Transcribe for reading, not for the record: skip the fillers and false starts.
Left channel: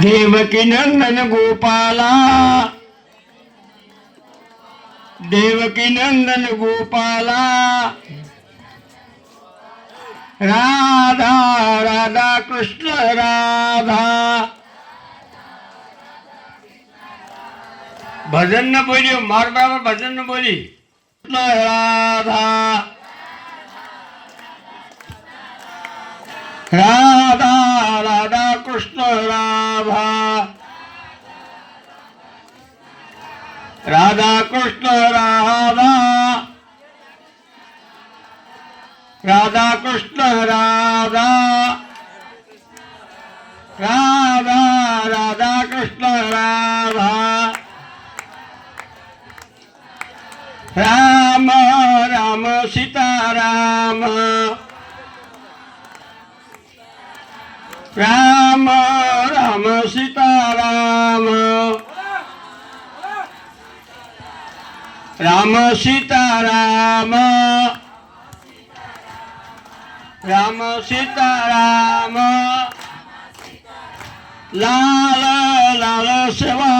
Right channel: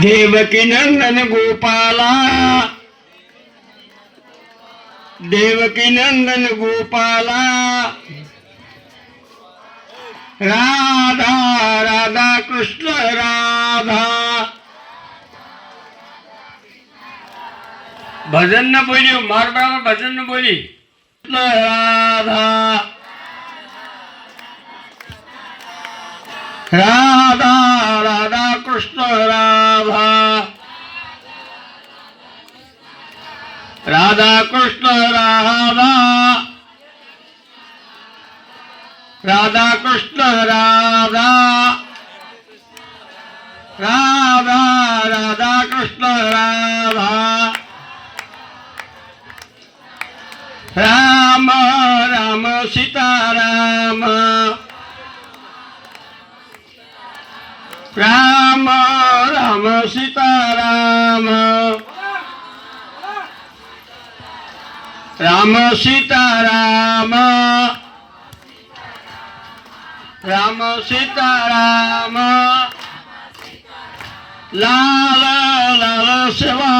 देवकी नंदन गोपाला, देवकी नंदन गोपाला, राधा राधा कृष्ण राधा। भजन न बोलियो, मारवाड़ा भजन न बोली। राधा राधा राधा कृष्ण राधा, राधा कृष्ण राधा, राधा कृष्ण राधा, राधा राधा कृष्ण राधा। राम राम सीता राम, राम राम सीता राम, राम सीता राम, राम सीता राम। लाल लाल सेवा